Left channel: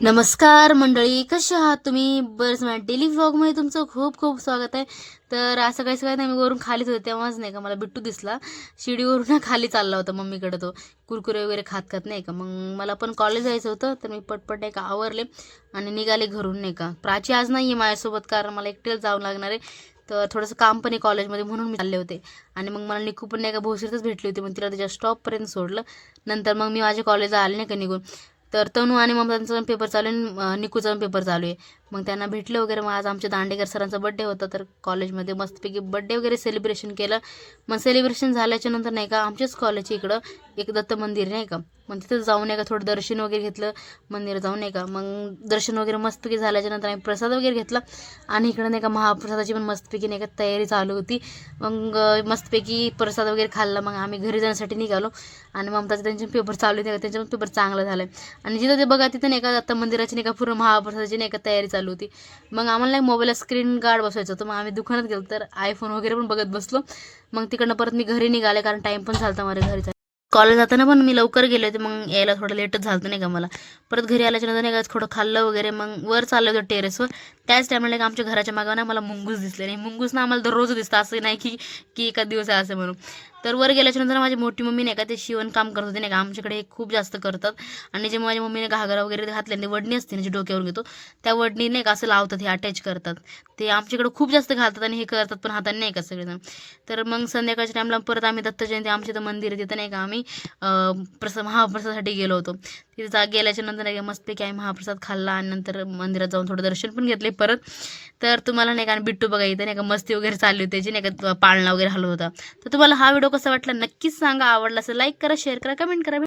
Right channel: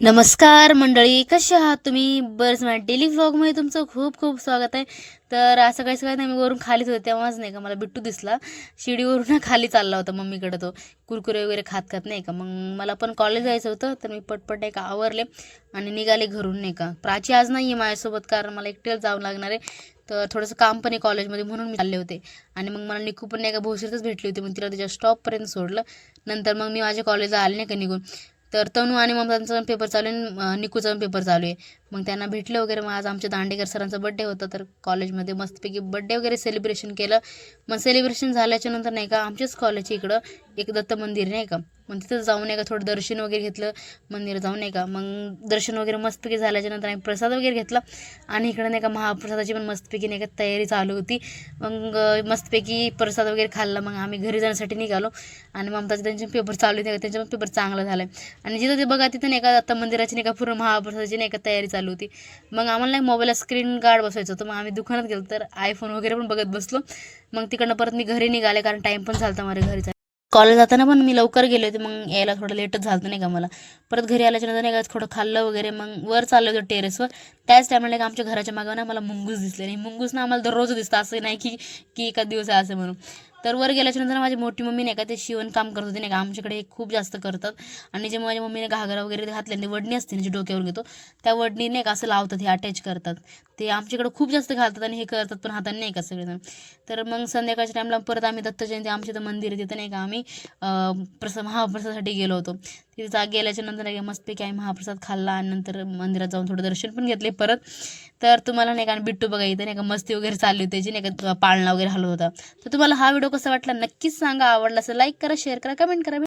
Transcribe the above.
नमस्कार मंडळी, कसे आहात तुम्ही? बरंच माझ्या डेली व्लॉगमध्ये तुमचं खूप खूप स्वागत आहे. तर असं काही सगळं नाही, मी वरून खालीच होते तेव्हाच नाही का मला बिट्टू दिसला. शिडीवरून खाली चालला होता मम्मीकडे, तो कुरकुरे वगैरे खात खात नाही का. मग मला पण कॉलेज जायचं होतं, तर मी पटपट नाही का आवरले आणि निघाले घरून नाही का. प्राची आज नाही आहे माझ्यासोबत, कारण मला एकटेच जावं लागणार आहे. तर थोडंसं काम पण आहे कॉलेजमध्ये, म्हणून मी चालले होते. आणि मग मला निकू पण नाही का भोसरीतच भेटली होती, मग तिला त्याच्या स्टॉपपर्यंत सोडलं. नंतर मग मी माझ्या कॉलेजला आले नाही का निघून. तर तनू आणि ममतांचा पण पेपर चालू आहे आणि निकूचा पण पेपर चालू आहे. मग त्यांना भेटलं वगैरे. मग आज आमच्या दांडेकर सरांचा बड्डे होता, तर कॉलेजमध्ये मस्तपैकी बड्डे वगैरे सेलिब्रेशन केलं. मग सेलिब्रेशन झाल्याच्या नंतर नाही का आमच्याच कॉलेजच्या इकडं एक दत्त मंदिर नाही का, मग तिथं जाऊन नाही का थोडं दर्शन वगैरे घेतलं मंदिरात जाऊन नाही का. मग दर्शन वगैरे मस्तपैकी झाल्याच्या नंतर आम्ही प्रसाद वगैरे घेतला. आणि इकडं नाही का महाप्रसादाची पण मस्तपैकी नाही का तयारी चालू होती. मग मस्तपैकी प्रसाद वगैरे खाल्ला. मग आम्ही घरी जाण्यासाठी निघालो. आणि ममताचे त्यांचे पेपर चालू नाही का, त्यांचा पण पेपर चांगला झाला. आणि जिथं ते बघा तिथं नाही का दत्त मंदिराची नाही का पूर्ण महाप्रसादाची नाही का तयारी चालू होती. मग आम्हाला नाही मोबाईलला स्क्रीन गार्ड बसवायचं होतं. मग आम्ही दुकानात गेलो, तर आयफोन वगैरे पण बघत बसलो. मग तिकडनं परत मी घरी निघाले, कारण टाईम पण झाला माझ्या घरी जायला. कॉलेज जाताना पण मी लवकर गेले होते, मग यायला थोडं लेटच झालं नाही का मला. परत घरी आल्याच्या नंतर नाही का थोडं खाल्लं वगैरे, मग वर चाललं होतं टेरेसवर. त्याच टायमाला नाही का आमच्या घराच्या मागं ना मला मुंगूस दिसले. नाही, मुंगूस ना आम्हाला दररोज दिसतं, असं नाही की की एका दिवस आहे असं म्हणून. तर वर गेल्याच्या नंतर माझी मोठी मम्मी नाही का ते शिवणकाम करत होते नाही का, आमच्याकडे हे खूप जास्त करतात. आणि जे माझ्या मम्मीने घागरा वगैरे घातले, ते वडणी असते ना, जे डोक्यावर घेतो त्या वडणी नाही का असं लावतात, हे अटॅच करतात. ते आमच्याकडे खूप जास्त घालतात आणि हे करतात पण हाताने नाही का सगळेजण. तर मग संध्याकाळच्या टाईमला परत आम्ही दत्त जयंती, आमच्या इथं मंदिर आहे तिथं नाही का आम्ही महाप्रसादासाठी गेलो होतो. तिथे गेल्याच्या नंतर नाही का मस्तपैकी आम्ही महाप्रसाद खाल्ला आणि नंतर मंदिरात जाऊन थोडं दर्शन पण घेतले परत. तर तुम्हाला नाही का बिट्टू बघा इथं नाही का मस्ती वगैरे चालली होती त्याची नाही का, पाळणा वगैरे हलवत होता. तर तुम्हाला हा व्हिडिओ कसा वाटला नक्कीच सांगा. आवडला असेल लाईक करा, शेअर करा, कमेंट करा.